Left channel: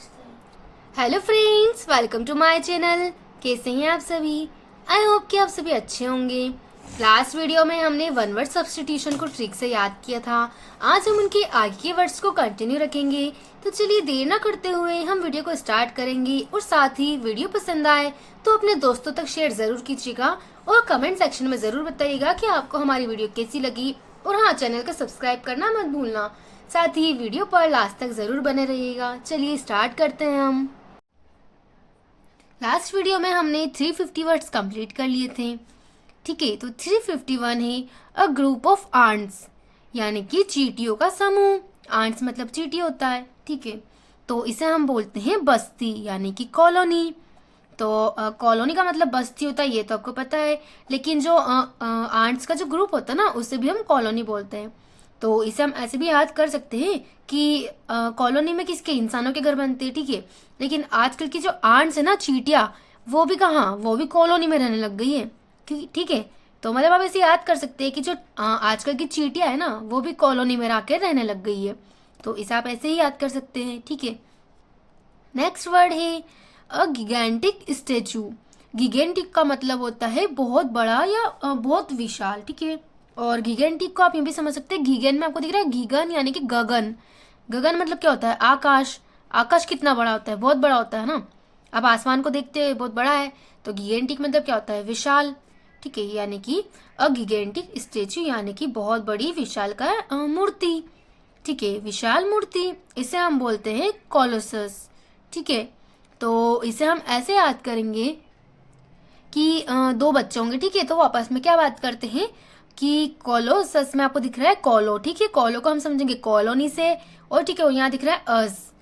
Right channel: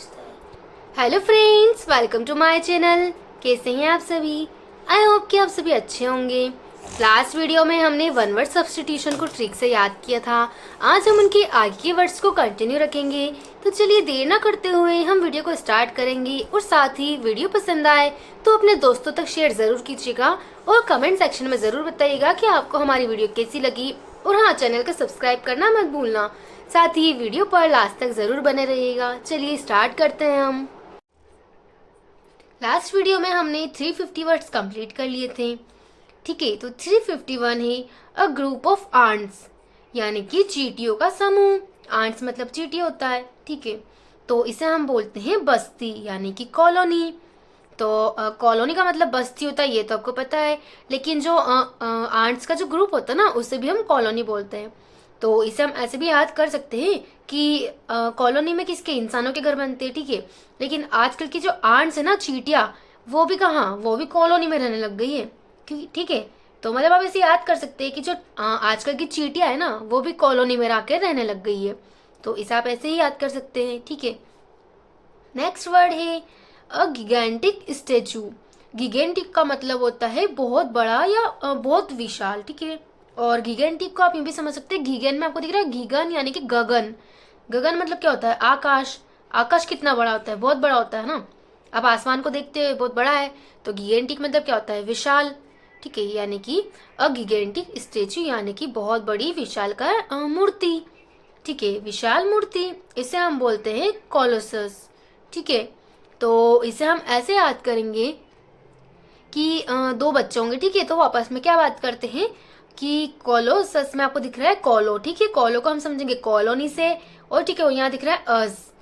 Hello friends, welcome to my channel. कैसे हैं आप सभी? आई होप कि आप सभी अच्छे होंगे। लास्ट वीडियो में हमने वन वर्ड सब्स्टिट्यूशन को ट्रिक से याद किया था। आज हम उनके आगे के वर्ड्स को कंटिन्यू रखेंगे। तो चलिए देर ना करते हुए हम वीडियो को स्टार्ट करेंगे। और साथ ही वीडियो पसंद आए तो अपने दोस्तों तक शेयर जरूर कीजिएगा और कमेंट सेक्शन में जरूर बताइएगा कि आपको हमारी वीडियो कैसी लगी। और हाँ, चैनल को सब्सक्राइब करना मत भूलना। साथ ही वीडियो पर लास्ट तक जरूर बने रहिएगा। चलिए स्टार्ट करते हैं हम। लास्ट वीडियो में हमने 350 वर्ड्स कंप्लीट कर लिए थे। ठीक है, तो 351 है अ ग्रुप ऑफ आंट्स, यानी कि चींटियों का समूह। आंट्स मतलब चींटी होता है। ठीक है, तो इसे हम बोलते हैं बस्ती यानी कि कॉलोनी। तो कॉलोनी का मतलब बस्ती होता है, ये तो आपको पता है। लेकिन जो आंट्स का जो ग्रुप होता है ना, उसे भी हम कॉलोनी बोलते हैं। तो इसे हम ऐसे भी याद कर सकते हैं कि कॉलोनी में किसके, इंसानों के घर बनते हैं। ठीक है, लेकिन आजकल की जो आंट्स है ना, चींटियां, वो भी कहाँ, वो भी कॉलोनी में रहने लग गई है। क्योंकि ठीक है, तो मतलब आप इसे याद कर सकते हैं कि जो आजकल की चींटियां है ना, वो भी कॉलोनी में आकर रहने लग गई है। तो इसे आप ऐसे ही याद कर सकते हैं। ठीक है, नेक्स्ट वर्ड है अ गिगेंटिक स्टेचू। गिगेंटिक का मतलब होता है बहुत बड़ा या बहुत विशाल। ठीक है, और गिगेंटिक को आप ये भी समझ सकते हैं, गीगन में आपको दिख रहा है गीगन यानी कि गगन। गगन मतलब क्या होता है? आकाश। आकाश कितना बड़ा होता है? बहुत बड़ा होता है ना। आप आसमान को देखते हैं, बहुत बड़ा है। तो गिगेंटिक मतलब क्या होता है? विशाल। ठीक है, यानी कि अ गिगेंटिक स्टेचू यानी कि बहुत बड़ी विशाल का मूर्ति। ठीक है, विशाल मूर्ति, इसे हम बोलते हैं कोलोसस। ठीक है, तो इसे हम ऐसे याद करेंगे कि दो बच्चे होंगे। ठीक है, तो वो आपस में क्या बात करते हैं कि कोलोसस में आपको दिख रहा है कोलो। ठीक है, कोलो को हम समझेंगे कॉलोनी से। और ठीक है, वो यहाँ दिख रहा है अस।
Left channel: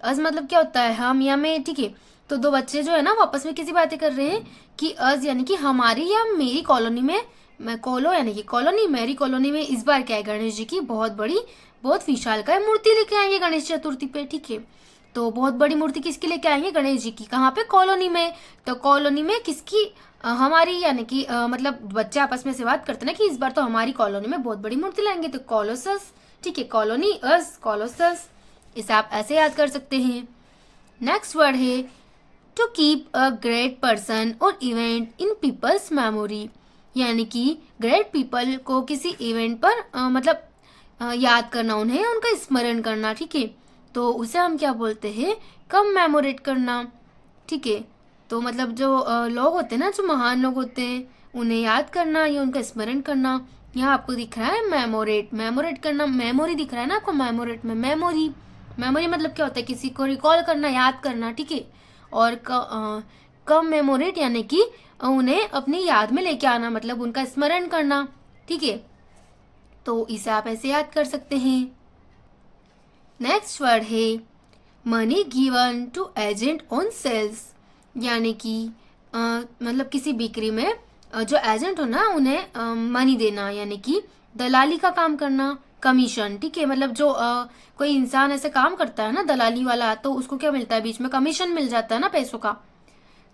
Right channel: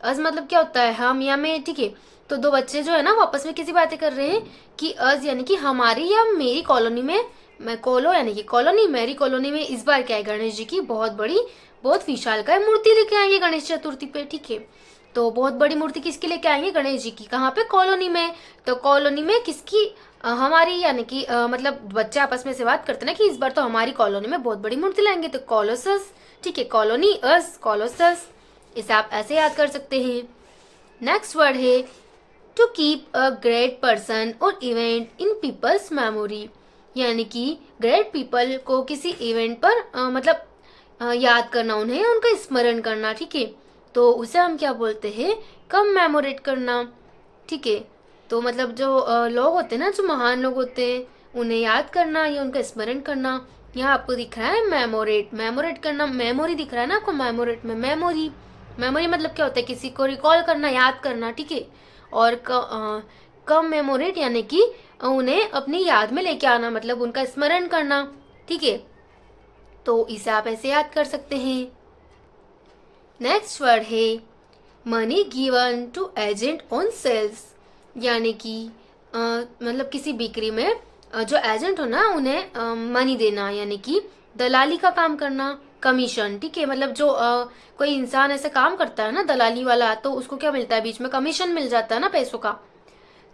अस मतलब क्या होता है? हम या मैं। ठीक है, तो दो बच्चे जो है ना, वो आपस में किसी बातें कर रहे हैं कि अस यानी कि हमारी या मेरी कॉलोनी में, मैं कोलो यानी कि कॉलोनी, मेरी कॉलोनी में इस बार क्या है, गणेश जी की बहुत बड़ी, बहुत विशाल का मूर्ति लेके आएंगे गणेश चतुर्थी पे। ठीक है, तो बहुत बड़ी मूर्ति किसकी लेके आएंगे? गणेश जी की। कहाँ पे? कॉलोनी में। तो कॉलोनी में किसकी? हमारी, यानी कि मतलब बच्चे आपस में से बात करते ना कि इस बार तो हमारी कॉलोनी में बहुत बड़ी मूर्ति लाएंगे, तो कॉलोसस। ठीक है, कॉलोनी अस कॉलोसस, इसे आप ऐसे याद कर सकते हैं। नेक्स्ट वर्ड है to keep a great person और इवेंट इन पीपल्स मेमोरी, यानी कि ग्रेट पीपल को किसी इवेंट पर मतलब याद करना, उन्हें उनका स्मरण करना। ठीक है, तो उसे हम क्या बोलते हैं? कम मेमोरेट करना। ठीक है, तो मतलब जो लोग होते हैं ना, जो महान लोग होते हैं, उन्हें याद करना या उनका स्मरण करना। यहाँ आपको दिख रहा है मेमोरेट, मेमोरेट करना, मेमोरी दिख रहा है ना आपको, मेमोरेट में मेमोरी। मेमोरी मतलब क्या होता है? किसी को रिकॉल करना, याद करना। ठीक है, और कम मेमोरेट यानी कि उन्हें अपनी याद में लेके आना, मतलब उनका स्मरण करना। ठीक है, तो इसे आप ऐसे याद कर सकते हैं। नेक्स्ट वर्ड है money given to agent on sales, यानी कि मतलब किसी बिक्री में जो एजेंट हो ना, उन्हें मनी देना, यानी कि दलाली का काम करना, कमीशन। ठीक है, मतलब जो कोई इंसान ऐसे काम करता है ना, दलाली वाला, तो उसको क्या मिलता है? बीच में कमीशन मिल जाता है ना, पैसों का।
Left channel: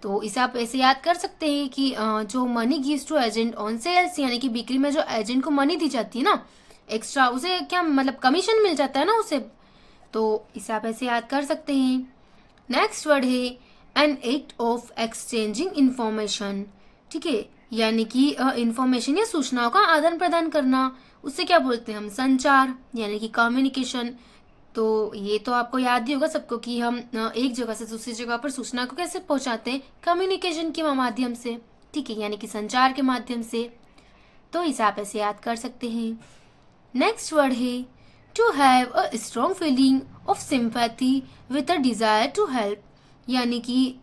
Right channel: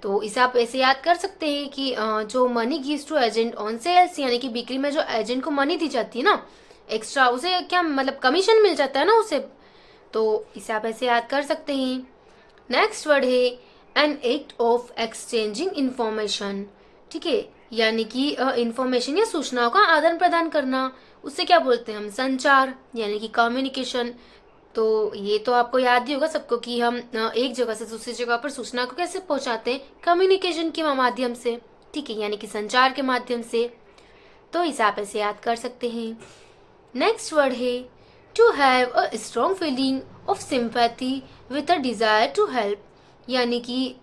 तो इसे आप ऐसे याद कर सकते हैं कि जो money gives to agent on sales, यानी कि बिक्री में जो एजेंट को मनी दी जाती है ना एक्स्ट्रा, उसे क्या मतलब कमीशन मिल जाता है ना उसे। तो इसे आप ऐसे याद कर सकते हैं। नेक्स्ट वर्ड है an act of exchanging information. ठीक है, यानी कि इंफॉर्मेशन या सूचनाओं का आदान प्रदान करना, उससे क्या बोलते हैं हम? संचार यानी कि कम्युनिकेशन। तो ये तो आपको याद ही होगा सबको कि हम एक जगह से दूसरी जगह पर सूचना को कैसे पहुंचाते हैं? कम्युनिकेशन के माध्यम से। ठीक है, यानी कि संचार के माध्यम से। तो इसे आप ऐसे याद कर सकते हैं। नेक्स्ट वर्ड है to have a strong feeling of sympathy with a desire to help, यानी कि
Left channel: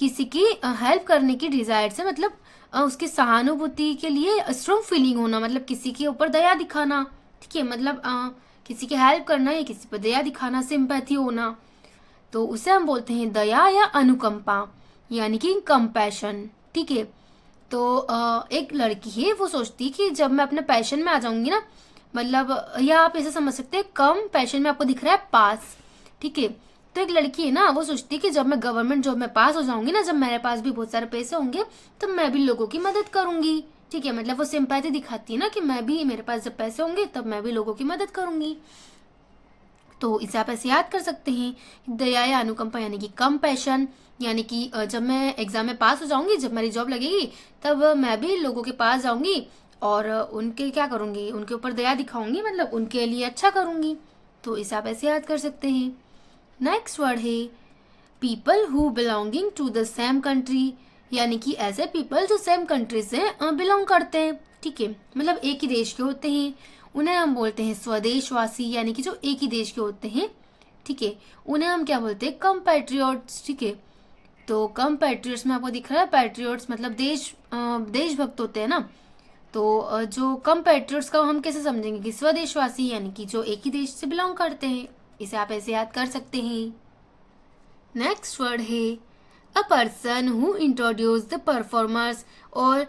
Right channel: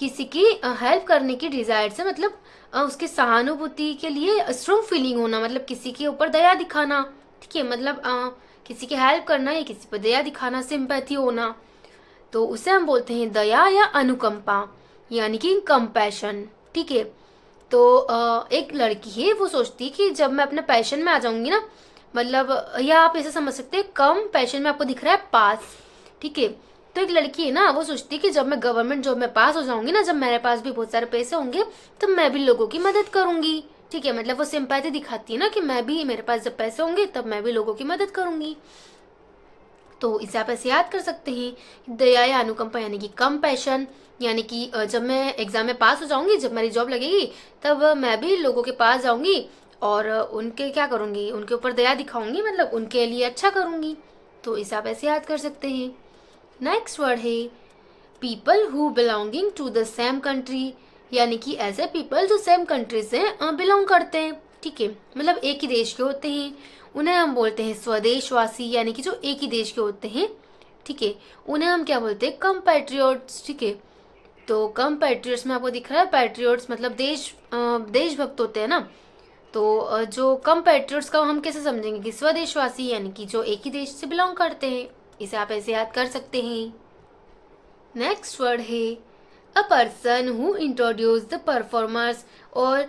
किसी की हेल्प करने की डिजायर से, मतलब उसकी सहानुभूति के लिए स्ट्रॉन्ग फीलिंग होना, मतलब किसी के ऊपर दया दिखाना। ठीक है, मतलब किसी की हेल्प करना या किसी पर दया दिखाना, सिंपैथी होना। तो उसे हम बोलते हैं दया या अनुकंपा, यानी कि कंपैशन। ठीक है, तो एक लड़की है, वो सोचती है कि जब मैं अपने पैशन में आ जाऊंगी ना, मतलब या आप इसे समझ सकते हैं कम पैशन में, आपको दिख रहा है पास। ठीक है, तो एक लड़की है ना, वो सोचती है कि जब मैं गवर्नमेंट जॉब में पास हो जाऊंगी ना, जब मेरे पास भी बहुत सारे पैसे होंगे, तो मैं भी लोगों की मदद करूंगी। ठीक है, मतलब वो सिंपैथी दिखाती है ना कि मैं भी, मेरे पास जब पैसे होंगे तब मैं भी लोगों की मदद करूंगी। तो इसे आप ऐसे याद कर सकते हैं, दया या अनुकंपा यानी कि कंपैशन, यानी कि जब मैं एग्जाम में पास हो जाऊंगी, जब मेरी जॉब लगेगी, तब मैं भी लोगों के पास जाऊंगी और उनके क्या करूंगी, उनके ऊपर दया दिखाऊंगी, मतलब उनके लिए अच्छा करूंगी। तो इसे आप ऐसे याद कर सकते हैं। नेक्स्ट वर्ड है people who belonging to the same country, यानी कि ऐसे पीपल जो सेम कंट्री से बिलोंग करते हैं, ठीक है, मतलब एक ही देश के होते हैं, उन्हें हम बोलते हैं स्वदेशवासी, यानी कि जो एक ही देश के होते हैं, ठीक है, उन्हें हम क्या बोलते हैं, कम्पैट्रियोट्स, ठीक है। तो कम्पैट्रियोट्स में आपको दिख रहा है, पैट्रियोट्स मतलब देशभक्त होते हैं ना। तो जो कम्पैट्रियोट्स का हम कैसे समझेंगे कि स्वदेशवासी यानी कि जो एक ही देश से बिलोंग करते हैं। इसे आप ऐसे याद कर सकते हैं। नेक्स्ट वर्ड है a person who introduce the performers और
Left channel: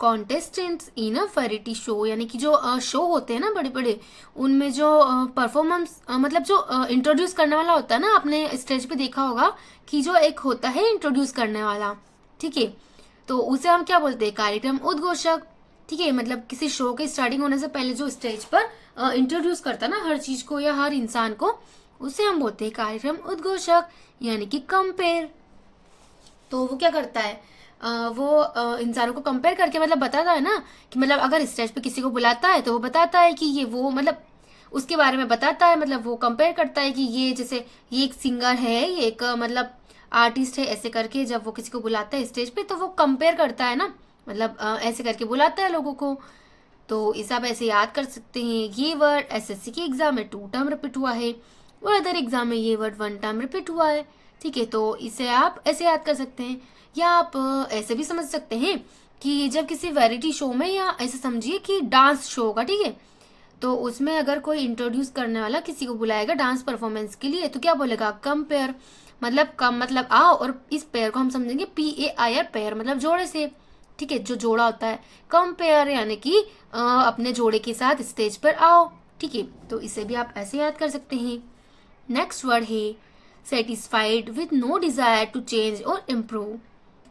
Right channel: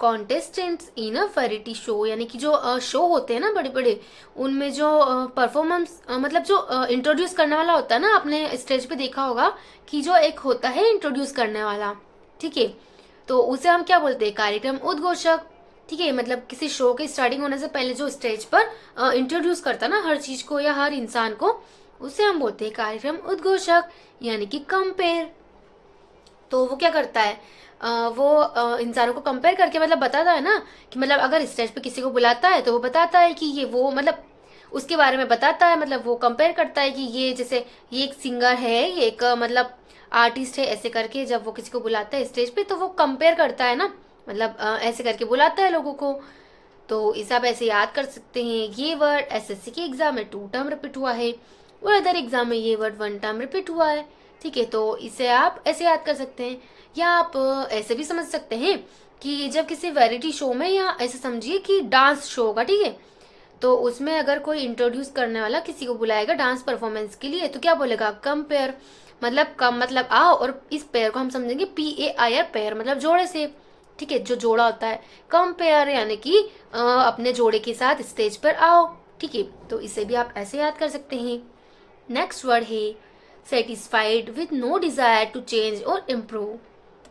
contestants in a variety show, यानी कि जो शो होते हैं ना बड़े बड़े, उनमें जो परफॉर्मेंस मतलब जो इंट्रोड्यूस करने वाला होता है ना, आपने स्टेज पे देखा होगा कि जो एक होता है इंट्रोड्यूस करने वाला, ठीक है, तो उसे हम क्या बोलते हैं, कार्यक्रम उद्घोषक, ठीक है, मतलब किसी शो के स्टार्टिंग होने से पहले जो स्टेज पर इंट्रोड्यूस करता है ना हर चीज को या हर इंसान को, उसे हम बोलते हैं कार्यक्रम उद्घोषक, यानी कि कंपेयर। तो वो क्या करता है, वो इंसानों को कंपेयर करके मतलब बताता है ना, कि मतलब अगर स्टेज पे किसी को बुलाता है तो वो बताता है कि ये वो, मतलब उसके बारे में बताता है, मतलब वो कंपेयर करता है कि ये जैसे ये एक सिंगर है, ये एक मतलब आर्टिस्ट है, ऐसे करके जब वो किसी को बुलाता है स्टेज पे तो वो कंपेयर करता है ना, मतलब ऐसे करके बुलाता है लोगों को। तो इसे आप ऐसे याद कर सकते हैं। ये वर्ड एसएससी के एग्जाम में 2 टाइम रिपीट हुआ है और अदर एग्जाम में ये वर्ड 1 टाइम रिपीट हुआ है, ठीक है। तो इसे आप ऐसे याद कर सकते हैं, या आप ऐसे भी समझ सकते हैं कि जब किसी वैरायटी शो में, या ऐसे समझिए कि डांस शो होगा, ठीक है, तो उसमें अगर कोई इंट्रोड्यूस करने वाला किसी को बुलाएगा डांस परफॉर्मेंस के लिए, तो क्या बोलेगा, कंपेयर, मतलब कम मतलब आओ, और इस पेयर को हम समझेंगे PAIR, पेयर मतलब जोड़े से, ठीक है, जो जोड़ा होता है, कंपेयर यानी कि अपने जोड़े के साथ स्टेज पर आओ, ठीक है। तो इसे भी आप ऐसे याद कर सकते हैं। नेक्स्ट वर्ड है satisfied with no desire to change और इम्प्रूव,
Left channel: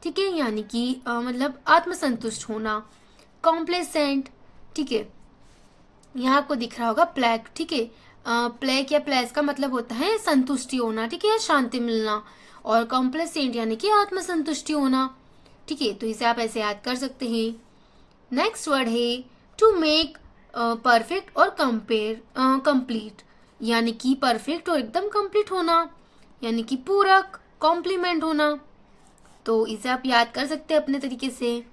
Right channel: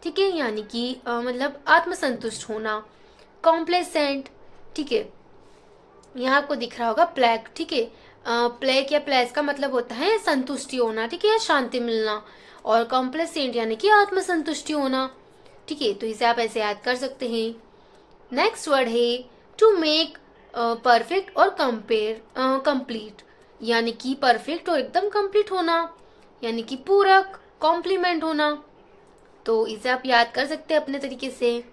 ठीक है, यानी कि मतलब आत्मसंतुष्ट होना, कॉम्प्लेसेंट, ठीक है, यहाँ आपको दिख रहा होगा प्लेग, ठीक है, प्लेग या प्लेस का मतलब होता है संतुष्टि होना, ठीक है, शांति मिलना, और कॉम्प्लेसेंट यानी कि आत्मसंतुष्टि होना, ठीक है। तो इसे आप ऐसे याद कर सकते हैं। नेक्स्ट वर्ड है टू मेक परफेक्ट और कंपेयर कंप्लीट, यानी कि परफेक्ट और एकदम कंप्लीट होना, यानी कि पूरक, कॉम्प्लीमेंट होना। तो इसे आप याद कर सकते हैं अपने तरीके से।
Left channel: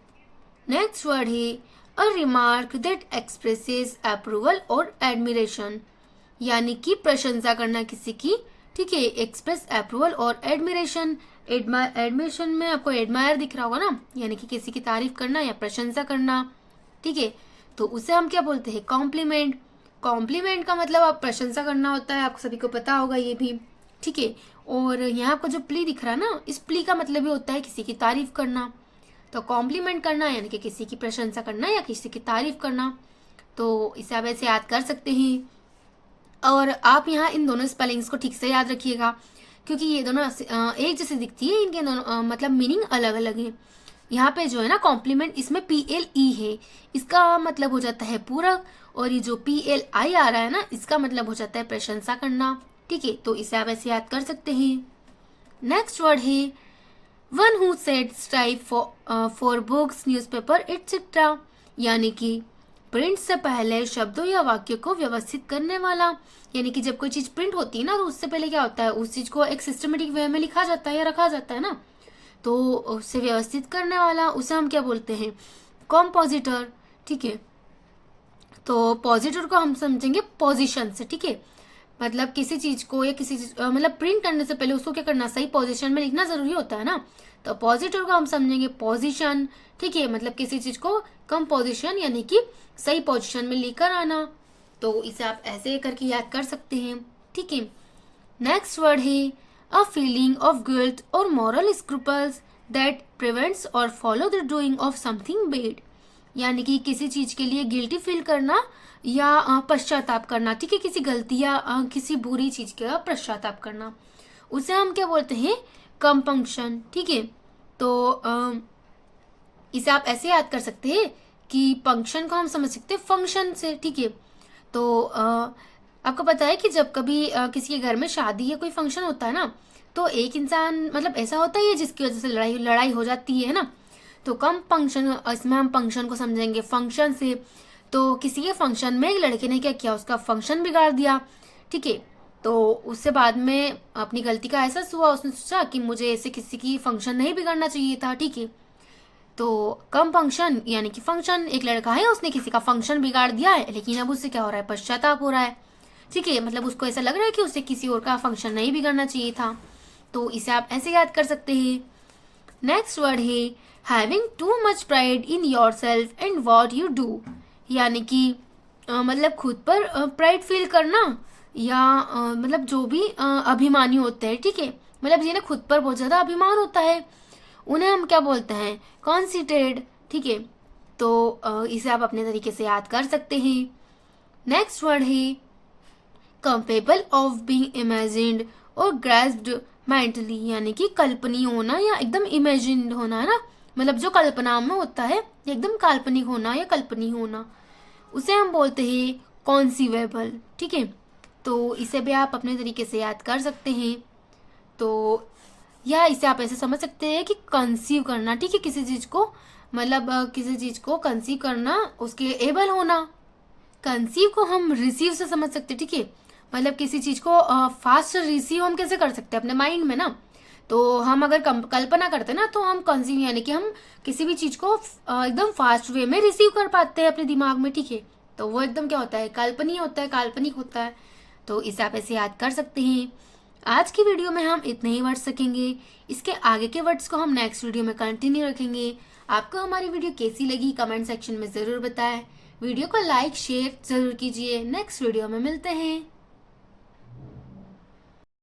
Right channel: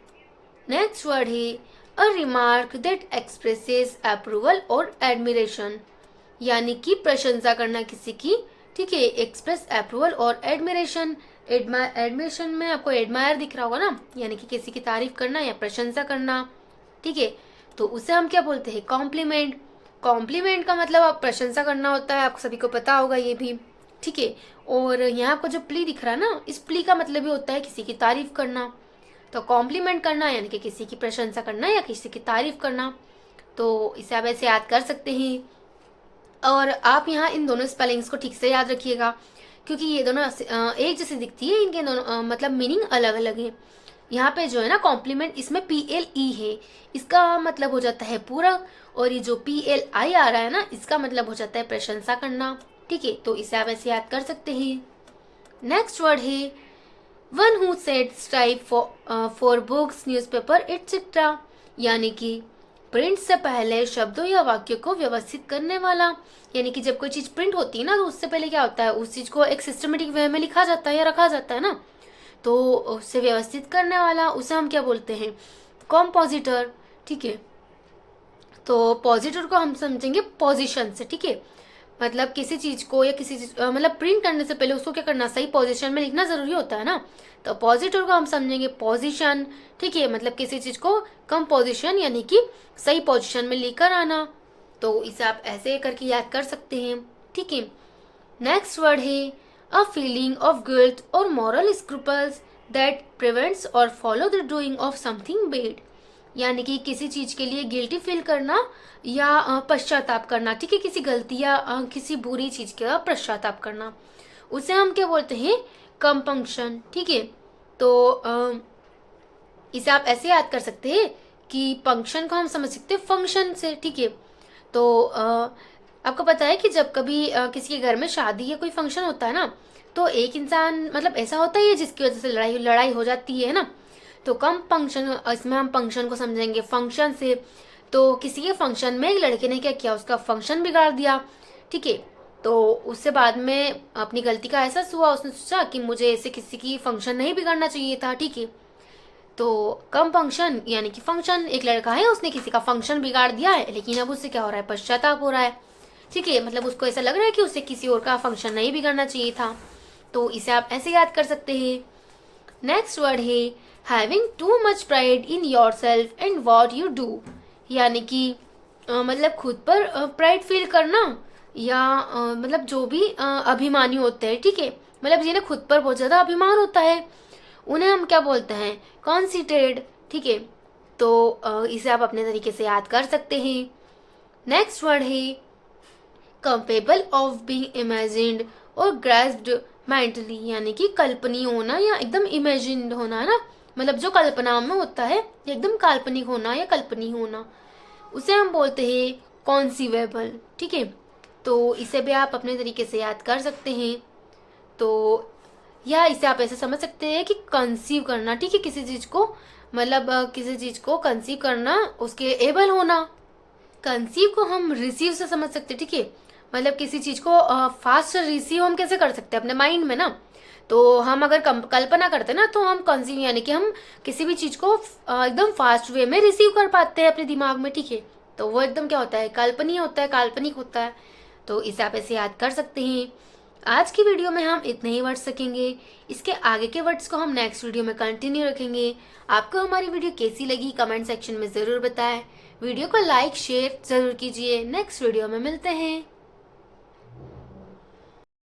नेक्स्ट वर्ड है अ रिमार्क दैट एक्सप्रेसेस अप्रूवल और एडमिरेशन, यानी कि प्रशंसा करना किसी की, ठीक है, एक्सप्रेस अप्रूवल और एडमिरेशन। एडमिरेशन में आपको एडमायर दिख रहा होगा ना, यानी कि किसी की तारीफ करना या प्रशंसा करना, ठीक है। तो उसे हम क्या बोलते हैं, कॉम्प्लीमेंट। कॉम्प्लीमेंट का मतलब आप प्रशंसा करना होता है, आप सभी को पता होगा ये भी, ठीक है। और यहाँ आपको जो प्ली दिख रहा है ना, इस प्ली का मतलब भी होता है किसी की तारीफ करना। तो कॉम्प्लीमेंट करना यानी कि किसी की प्रशंसा करना या किसी की तारीफ करना। तो इसे आप ऐसे याद कर सकते हैं। और आप यहाँ इन दोनों स्पेलिंग्स को ठीक से याद रखिएगा, क्योंकि ये दोनों एक जैसे दिखती है, इनके दोनों मतलब मीनिंग अलग अलग है। यहाँ पे जो है ना कॉम्प्लीमेंट, इसमें PLE है, इसका मतलब हो जाता है पूरक, और ये जो PLI आ रहा है ना, इसका मतलब हो जाता है प्रशंसा करना, ठीक है। तो इसे आप ऐसे याद कर सकते हैं। नेक्स्ट वर्ड है one who sets type for books newspaper etcetera, यानी कि प्रिंट से पहले शब्दों या वाक्य को व्यवस्थित करने वाला, यानी कि जब कोई चीज प्रिंट होती है ना, तो उससे पहले क्या होता है, उस चीज को एक सिस्टमेटिक वे में लिखा जाता है या रखा जाता है ना, तो उससे व्यवस्थित करने वाला, उसे हम क्या बोलते हैं, कॉम्पोजिटर, ठीक है। तो पॉजिटर को हम समझेंगे पोजीशन से, ठीक है, मतलब किसी चीज को या किसी चीज मतलब प्रिंट करने से पहले उसको क्या करना, सही पोजीशन में लिखना जरूरी होता है ना। तो पॉजिटर को हम समझेंगे पोजीशन, ठीक है, मतलब किसी चीज को कंपोजिशन यानी कि सही पोजीशन में लेकर आना। तो इसे आप ऐसे करके याद कर सकते हैं, ठीक है। नेक्स्ट वर्ड है अ फीलिंग ऑफ गिल्ट और मॉरल स्क्रूपल्स दैट प्रिवेंट्स और follow the doing of something bad, यानी कि किसी चीज के लिए गिल्टी फील करना या पश्चाताप करना, ठीक है, किसी गलती या किसी बुरी चीज का पश्चाताप करना, उसे हम क्या बोलते हैं, कंपंक्शन, ठीक है। तो इसे आप ऐसे याद कर सकते हैं कि पंक्शन को हम समझ सकते हैं फंक्शन से, ठीक है। तो आपको पता है कि जब कभी किसी के घर में शादी या कोई फंक्शन होता है ना, तो एक इंसान मतलब ऐसा होता ही है जिसकी वजह से लड़ाई लड़ाई हो जाती है ना। तो कम फंक्शन, इसमें हम फंक्शन को समझेंगे फंक्शन से। तो किसी के फंक्शन में एक लड़के ने क्या किया, उसका फंक्शन बिगाड़ दिया, ठीक है। तो उससे बाद में अपनी गलती का एहसास हुआ, उसने सोचा कि मुझे ऐसे किसी की फंक्शन नहीं बिगाड़ना चाहिए था, ठीक है। तो कम फंक्शन यानी कि फंक्शन, एक लड़का है उसने किसी का फंक्शन बिगाड़ दिया है, लेकिन अब उससे क्या हो रहा है, पश्चाताप हो रहा है, ठीक है। मतलब उसको ऐसा लग रहा है कि उसे किसी और का फंक्शन नहीं बिगाड़ना चाहिए था। तो इसे आप ऐसे याद कर सकते हैं। नेक्स्ट वर्ड है having too much pride in your self and what you do, यानी कि मतलब खुद पर प्राइड फील करना, या मतलब जो भी अभिमानी होते हैं, ठीक है। मतलब जिन्हें खुद पर बहुत ज्यादा अभिमान होता है उन्हें हम क्या बोलते हैं, कॉन्सिटेड, ठीक है। तो इसे आप अपने तरीके से याद कर सकते हैं। नेक्स्ट वर्ड है कैपेबल ऑफ बीइंग इमेजिन्ड और ग्रास्प्ड मेंटली, यानी कि कल्पनीय होना या एकदम इमेजिन्ड होना है ना, मतलब जो कल्पना में होता है एकदम काल्पनिक होना या कल्पनीय होना, उसे हम बोलते हैं कॉन्सीवेबल, ठीक है। तो इसे भी आप अपने तरीके से याद कर सकते हैं। तो या इसे आप ऐसे समझ सकते हैं कि कंसीव करना, ठीक है, किसी चीज को, मतलब किसी चीज को कंसीव करना, उसके एबल होना। कंसीव को हम रिसीव से समझ सकते हैं, ठीक है। मतलब किसी चीज को फास्ट रिसीव हम कैसे कर सकते हैं अपने माइंड में ना। तो हम अगर कल्पना करते हैं ना, तो हम कंसीव यानी कि हम किसी भी चीज को एकदम फास्ट वे में रिसीव कर पाते हैं अपने दिमाग में, ठीक है। तो वो एकदम क्या होता है, कल्पनीय होता है, काल्पनिक होता है। तो इसे आप ऐसे याद कर सकते हैं। आज की वीडियो में हम इतने ही वर्ड्स सीखेंगे, इसके आगे के वर्ड्स को हम नेक्स्ट वीडियो में कंटिन्यू रखेंगे। आपको हमारी वीडियो कैसी लगी कमेंट सेक्शन में जरूर बताएं। वीडियो को लाइक शेयर जरूर कीजिए। नेक्स्ट वीडियो में मिलते हैं।